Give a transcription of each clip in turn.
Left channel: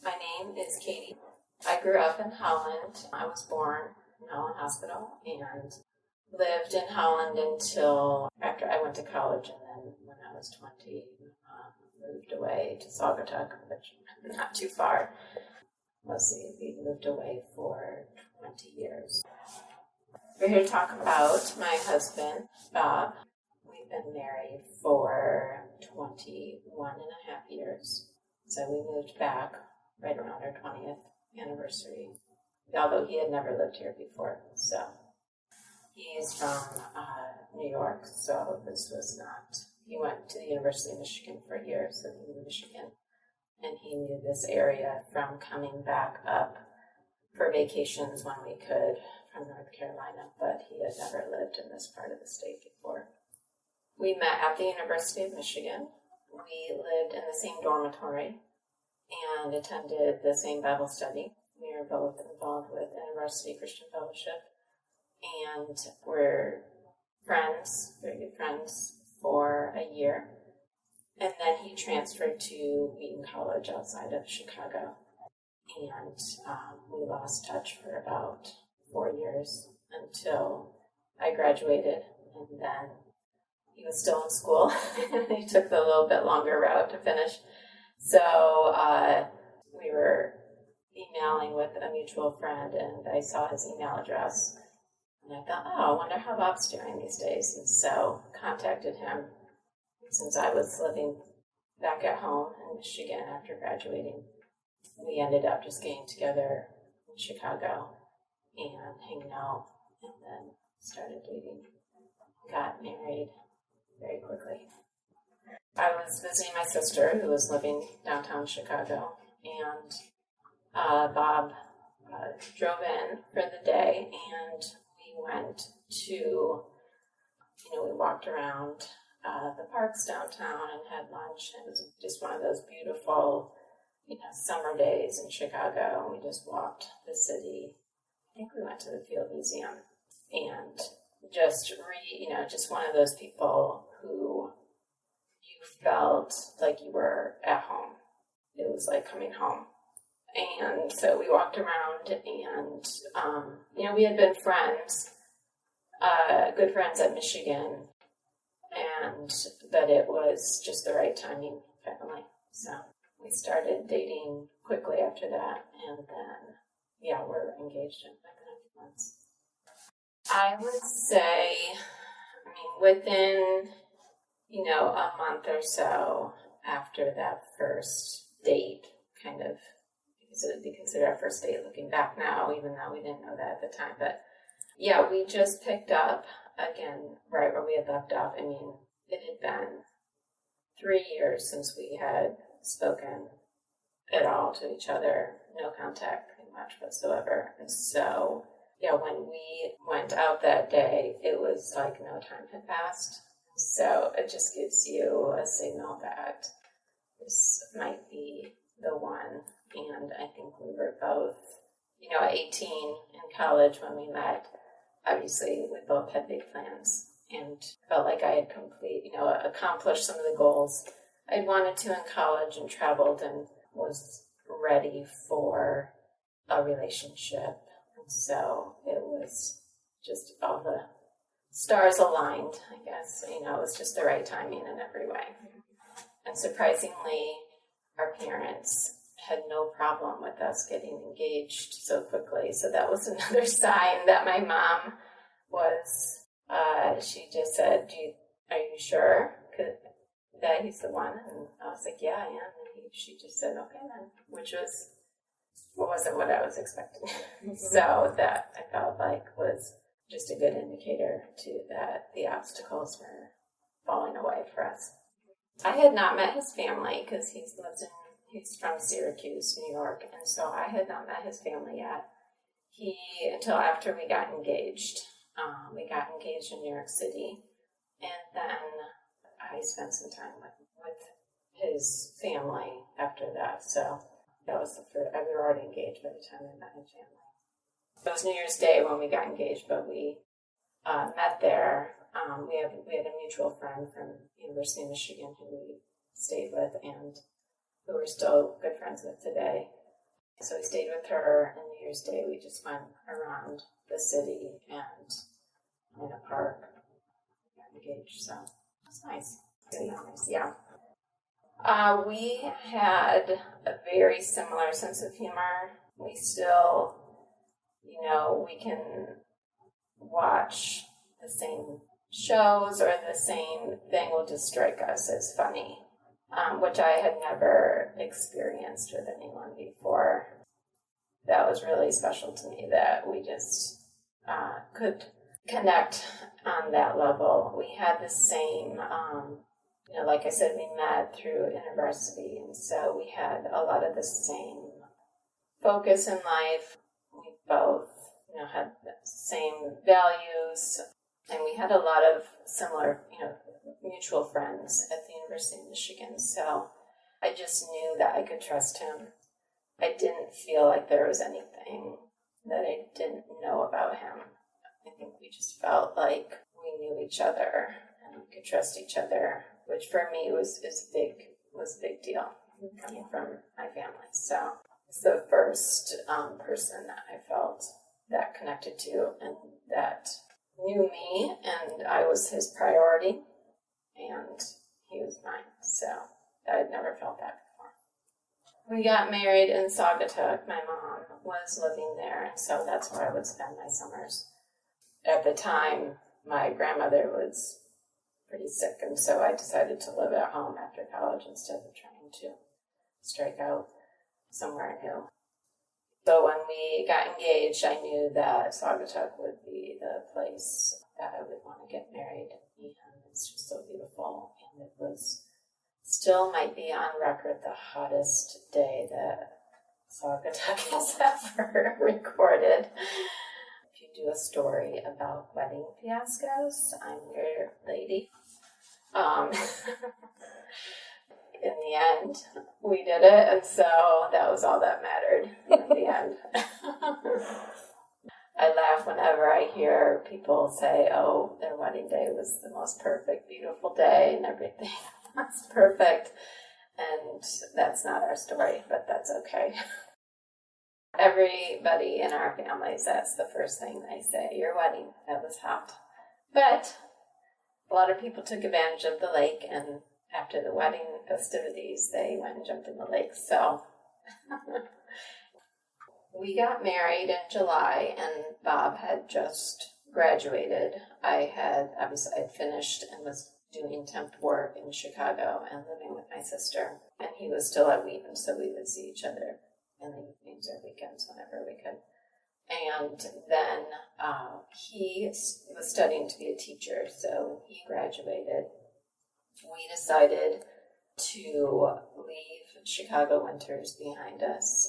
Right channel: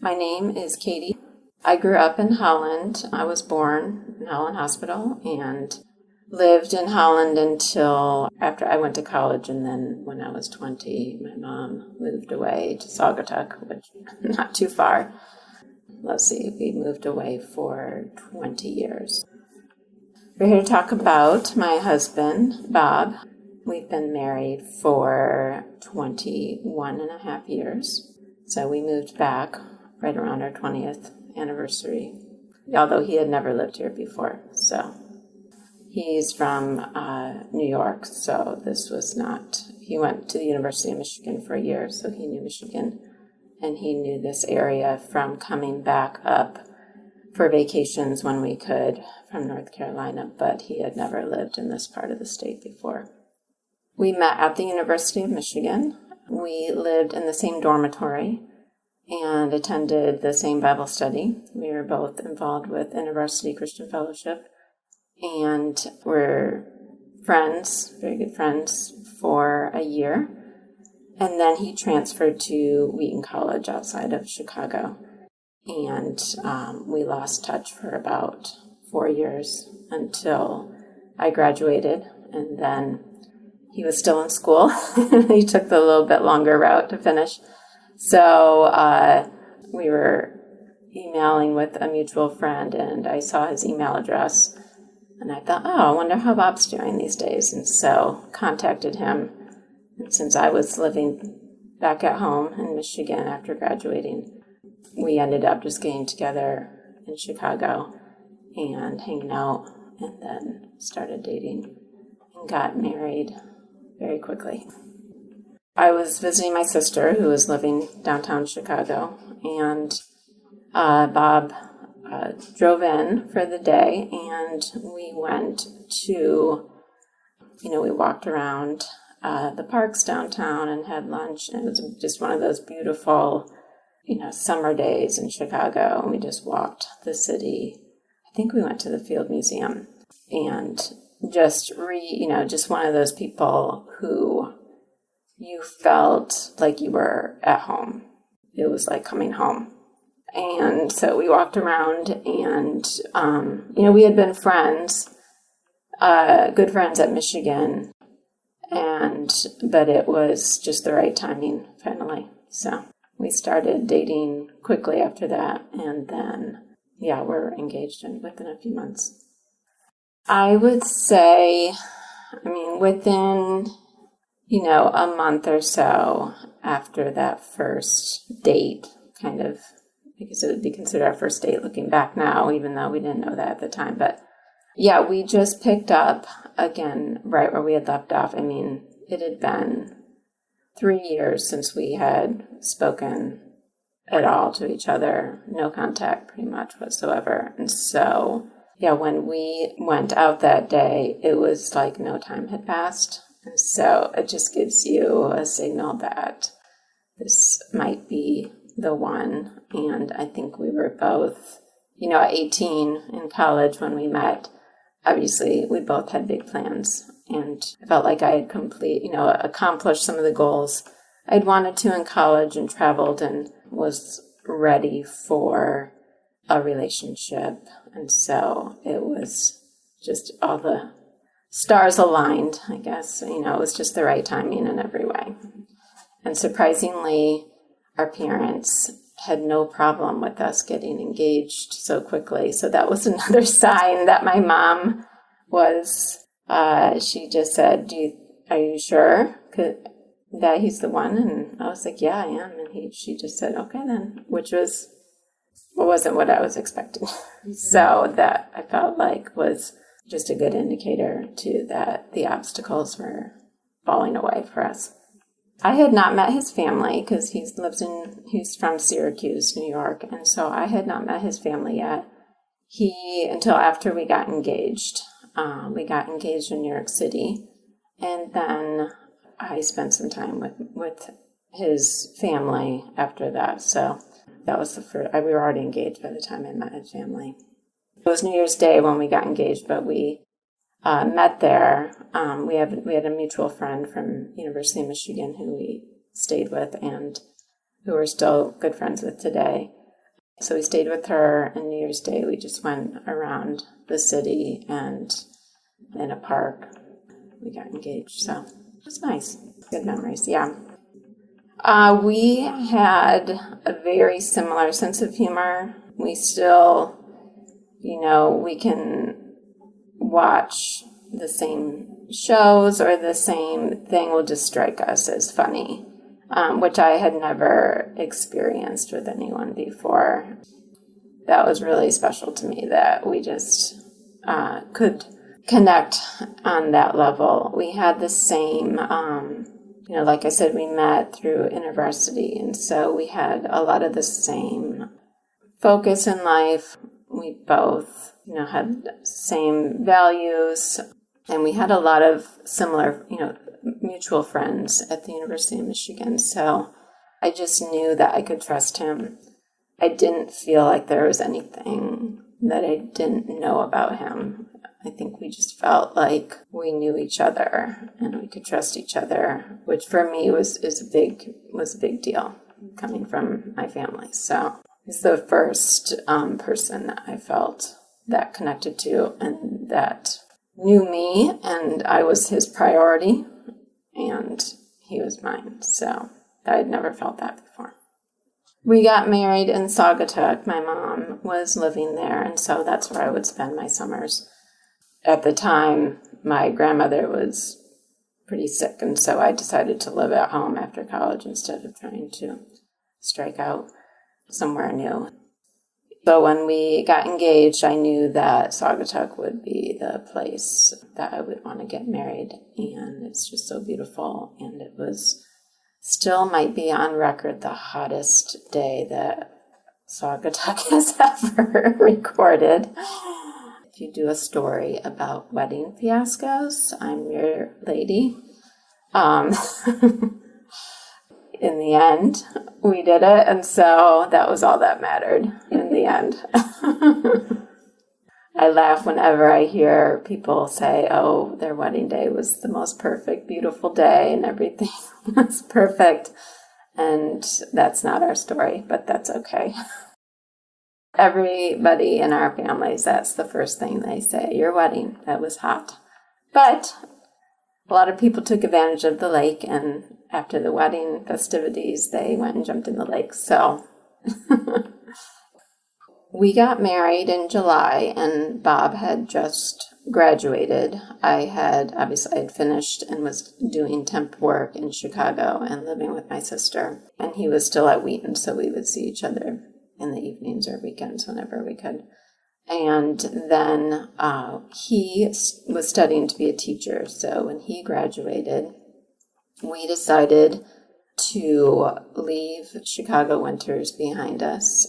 My name is Katie. I grew up in Holland. I was born in Holland Hospital and lived in Holland until after I went to college. And then when I was 20, my mom moved away to Saugatuck, which not too far. We moved away for 20 years. We're here to talk about my husband, Bob. We've been married for 21 and a half years. So we moved back right around our 20th anniversary, although he had never lived here before. So he's from New York, so this was not, he went to the University of Michigan for a year, so he knew Michigan, and he knew this area from coming back up for vacations when we could from North Carolina, but he had never lived in this part of the state before. We met at the University of Michigan. We lived in the same dormitory and attended the same Bible study. We were both involved with InterVarsity Christian Fellowship, and were friends, very good friends, for a year. And then he transferred to Wheaton College outside of Chicago. And we lost touch for about 4 years until I graduated. And then he was still in school. He took the little bit longer route to finish. So we were emailing with a mutual friend, and I saw his email address. And I thought, I wonder how Bob's doing these days. And so contacted him. And since I was living back at home in Michigan after graduating, we ended up just getting together in Chicago and hanging out, and then started dating and got married very quickly. I was visiting my sister who was living downtown Chicago, and Bob drove in for the day, and we went to, we walked around the parks downtown and had lunch, and it was just one of those beautiful summer days in Chicago, and we just walked the city. I think we went to the Field Museum, and just one of those people who you felt like you were at home. It was like coming home. And so we walked around, and, we had been friends, good friends at Michigan, but it was just the right timing, finally. So we started dating quickly after that, and then, we're engaged within a few months. I would say, within, a month or so after that first date, kind of, because it would be considered our first date looking back now, even though we didn't know that at the time. But we just picked up again right where we had left off. It had been 3 years since we had spoken at all to each other, no contact pretty much whatsoever. And so, when we went out that day, it was like no time had passed. And so it just gives you a signal that this might be the one. And I think we were both, at 18 in college when we met. Obviously, we both had big plans, and I felt like I had accomplished some of the goals I'd wanted to in college, and traveled and was ready for a relationship. And so it was just all the stars aligned, I guess. It was just the right timing in every way. And surprisingly, our parents had no problem with us getting engaged so quickly. So that was another sign that my mom was, she just said, are you sure that he's the one? And I was like, yeah, I am. And she just said, okay then, which wasn't what I was expecting. So that I felt like was just a good indicator too that the obstacles were falling away for us. I had not met his family because he's from Syracuse, New York, and so I had not met his family yet. Until after we got engaged. We got engaged in New York City, and then I spent some time with his family after that. So that was the first. We were already engaged by the time I met his family. It was New Year's Day when we got engaged, but we met there. We had a mutual friend from University of Michigan who we stayed with and who we're still good friends with today. So we stayed with her, and New Year's Day we just went around the city, and in a park we got engaged. So it was nice. Good memories, yeah. We had a very similar sense of humor. We still, we can watch the same shows or the same thing will just strike us as funny, which I had never experienced with anyone before. That was really special to me, that we just could connect on that level. We had the same, like I said, we met through InterVarsity, and so we had a lot of the same focus in life. We both, had the same values, and we had a lot of similar, mutual friends at the University of Michigan. So I just knew that I could trust him. I didn't feel like there was anything that I didn't know about him. I think we just felt like we knew each other and we could trust each other, which for me was a big deal coming from my family. So he's the first person that I felt that connected to and that knew me, and I was his priority and he was mine. So I had never felt that before. We got married in Saugatuck. My mom was living there, and so that's where I would spend my summers. At the time, my grandmother was pretty sick, and so I decided to live at home after college instead of trying to strike out somewhere new. So when we got engaged, I knew that Saugatuck would be the place that I would want to get married, and it's just so beautiful, and it was still might be on record the hottest day that Saugatuck has ever recorded. If you do a story about wedding fiascos, I'm your lady. In the end, we did it, and so that was all that mattered in the end. I laugh whenever I hear people say, oh, their wedding day was the most perfect, beautiful day, and everything was perfect. And that's not our story, but that's okay. Everybody in our families, that's the first thing they say, your wedding, that was hot. But a lot of people took advantage of the lake, and after the wedding festivities, they went and jumped in the lake. So we got married in July, and Bob had just graduated. I had finished and was doing temp work in Chicago and living with my sister. And he was still at Wheaton, so we would see each other in the evenings or weekends whenever we could. And then he was studying to be a teacher. So when he graduated, we decided to leave Chicago winters behind us.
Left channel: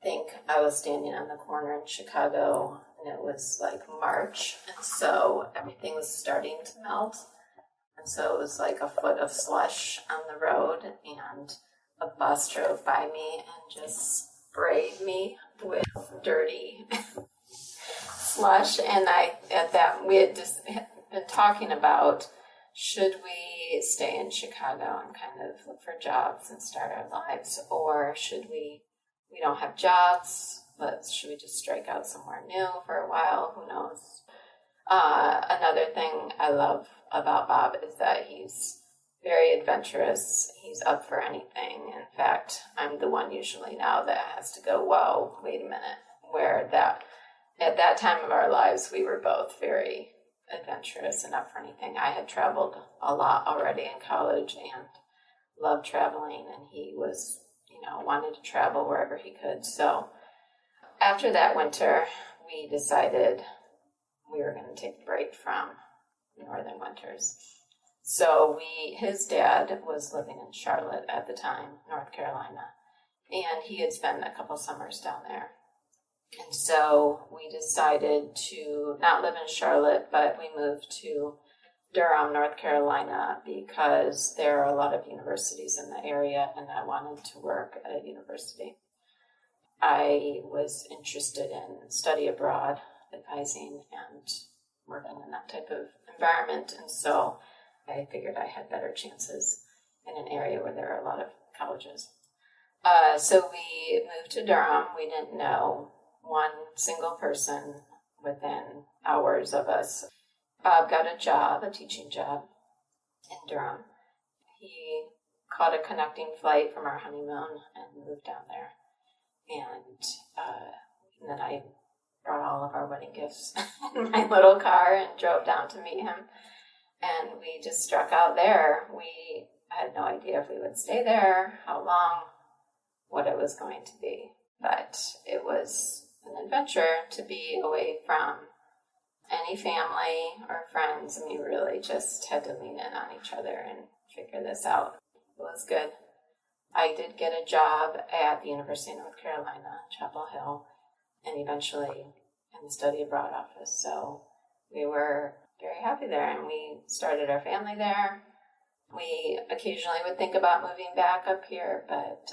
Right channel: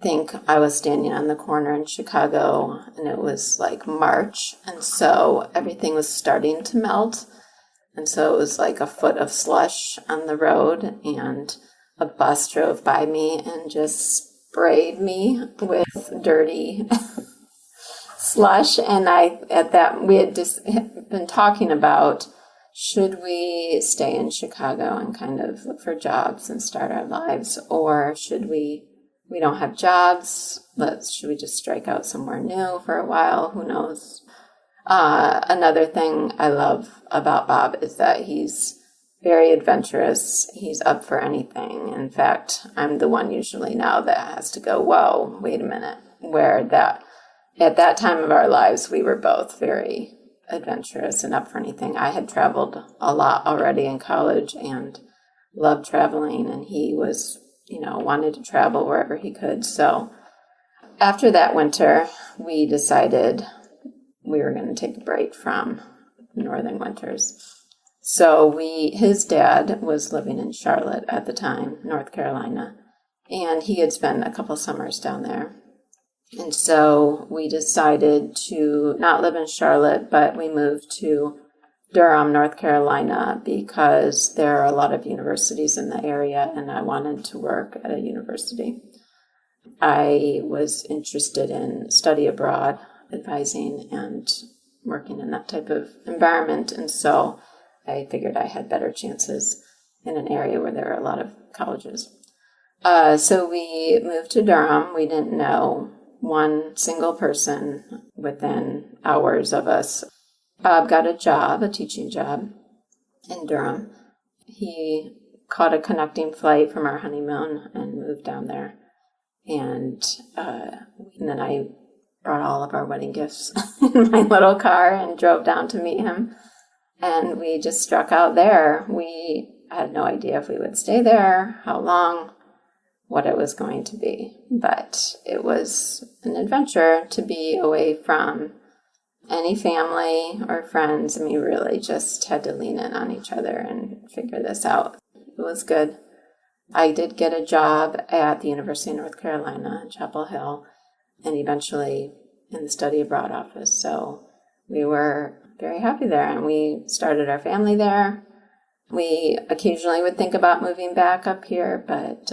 I think I was standing on the corner in Chicago, and it was like March, and so everything was starting to melt. And so it was like a foot of slush on the road, and a bus drove by me and just sprayed me with dirty slush. And we had just been talking about, should we stay in Chicago and kind of look for jobs and start our lives, or should we don't have jobs, should we just strike out somewhere new for a while? Who knows? Another thing I love about Bob is that he's very adventurous. He's up for anything. In fact, I'm the one usually now that has to go, whoa, wait a minute. At that time of our lives, we were both very adventurous and up for anything. I had traveled a lot already in college and loved traveling, and he was, wanted to travel wherever he could. So after that winter, we decided we were going to take a break from northern winters. So his dad was living in Charlotte at the time, North Carolina, and he had spent a couple summers down there. And so we decided to not live in Charlotte, but we moved to Durham, North Carolina, because there are a lot of universities in the area, and I wanted to work at a university. I was interested in study abroad, advising, and working in that type of environment, and so I figured I had better chances in an area where there are a lot of colleges. So we moved to Durham. We didn't know one single person within hours of us. Bob got a job, a teaching job in Durham. He caught a connecting flight from our honeymoon and moved down there. And then I brought all of our wedding gifts in my little car and drove down to meet him. And we just struck out there. We had no idea if we would stay there, how long, what it was going to be. But it was an adventure to be away from any family or friends. And we really just had to lean in on each other and figure this out. It was good. I did get a job at the University of North Carolina, Chapel Hill, and eventually in the study abroad office. So we were very happy there, and we started our family there. We occasionally would think about moving back up here, but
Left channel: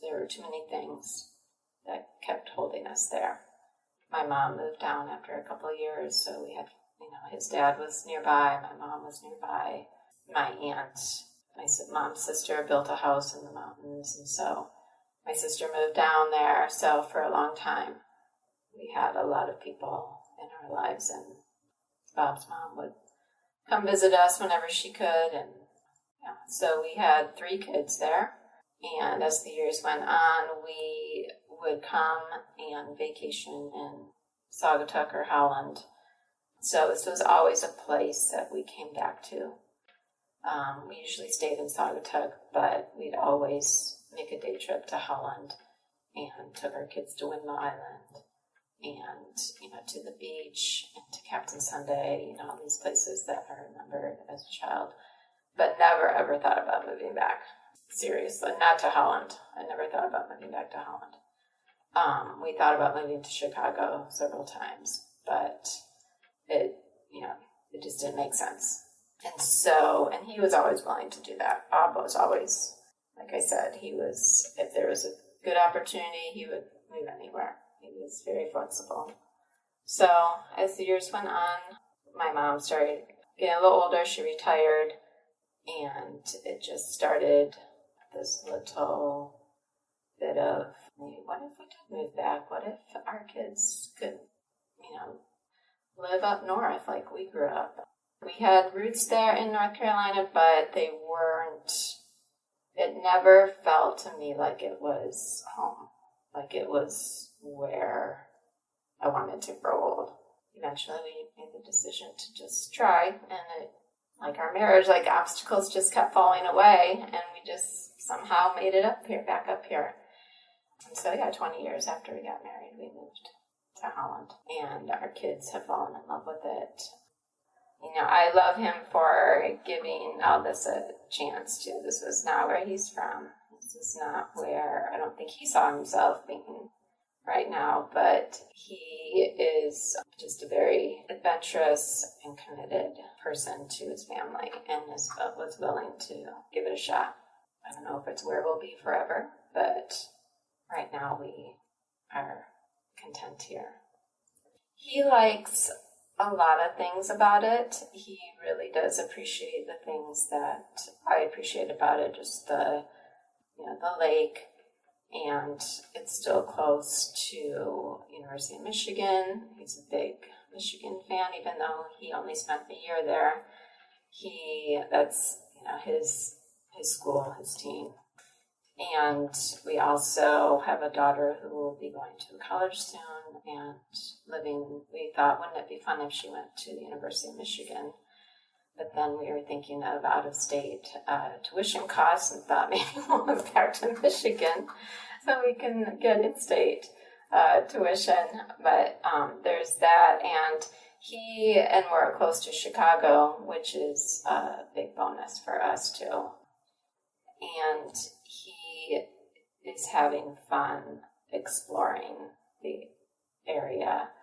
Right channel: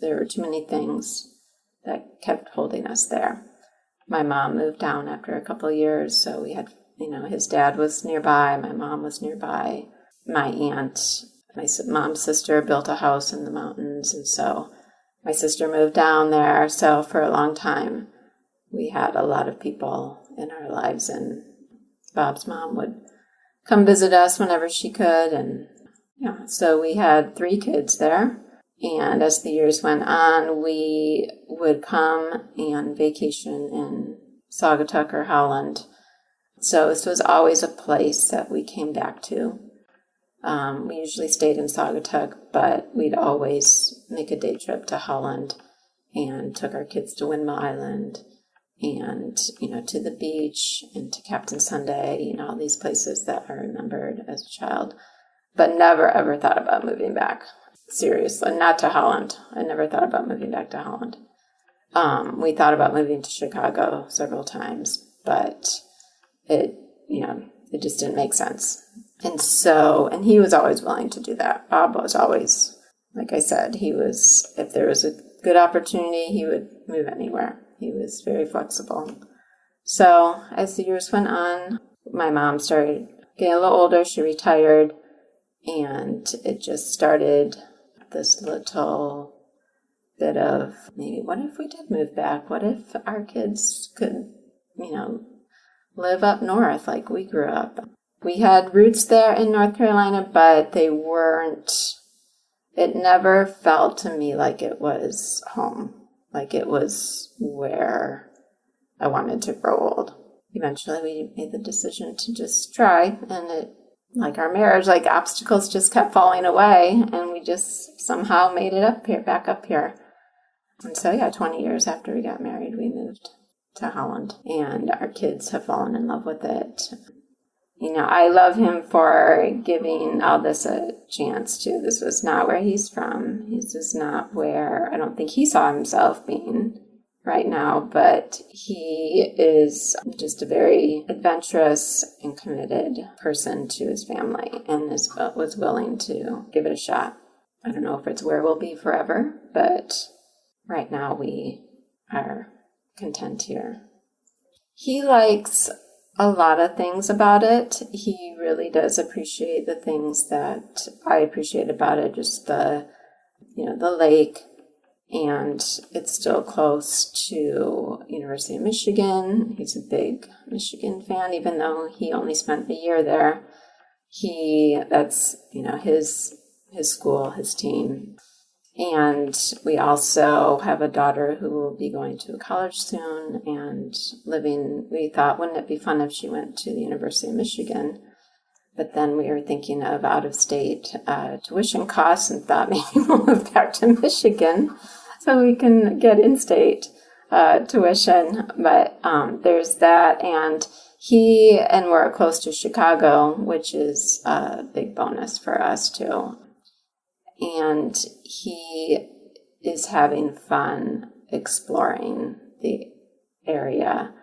there were too many things that kept holding us there. My mom moved down after a couple of years, so we had, his dad was nearby, my mom was nearby. My aunt, my mom's sister, built a house in the mountains, and so my sister moved down there. So for a long time, we had a lot of people in our lives, and Bob's mom would come visit us whenever she could, and so we had 3 kids there. And as the years went on, we would come and vacation in Saugatuck or Holland. So this was always a place that we came back to. We usually stayed in Saugatuck, but we'd always make a day trip to Holland and took our kids to Windmill Island and, to the beach and to Captain Sunday, all these places that I remembered as a child, but never ever thought about moving back. Seriously, not to Holland. I never thought about moving back to Holland. We thought about moving to Chicago several times, but it just didn't make sense. And he was always willing to do that. Bob was always, like I said, if there was a good opportunity, he would move anywhere. He was very flexible. So as the years went on, my mom started getting a little older. She retired, and it just started this little bit of maybe, what if we did move back? What if our kids could, live up north like we grew up? We had roots there in North Carolina, but it never felt to me like it was home, like it was where I wanted to grow old. Eventually we made the decision to just try, and like our marriage, like obstacles just kept falling away, and we just somehow made it back up here. And so 20 years after we got married, we moved to Holland, and our kids have fallen in love with it. I love him for giving all this a chance too. This was not where he's from. This is not where I don't think he saw himself being right now, but he is just a very adventurous and committed person to his family, and was willing to give it a shot. I don't know if it's where we'll be forever, but right now we are content here. He likes a lot of things about it. He really does appreciate the things that I appreciate about it, just the lake, and it's still close to University of Michigan. He's a big Michigan fan, even though he only spent a year there. That's his school, his team. And we also have a daughter who will be going to college soon and we thought, wouldn't it be fun if she went to the University of Michigan? But then we were thinking of out-of-state tuition costs and thought maybe we'll move back to Michigan so we can get in-state tuition. But there's that, and we're close to Chicago, which is a big bonus for us too. And he is having fun exploring the area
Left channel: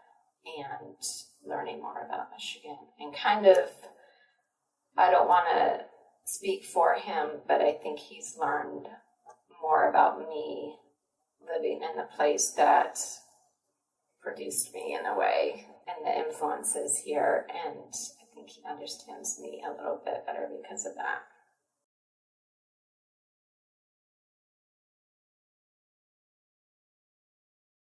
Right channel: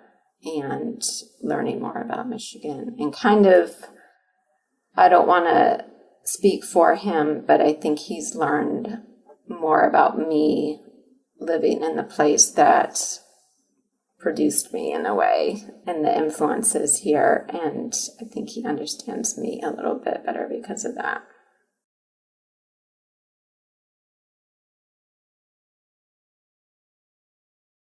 and learning more about Michigan. And I don't want to speak for him, but I think he's learned more about me living in the place that produced me in a way, and the influences here. And I think he understands me a little bit better because of that.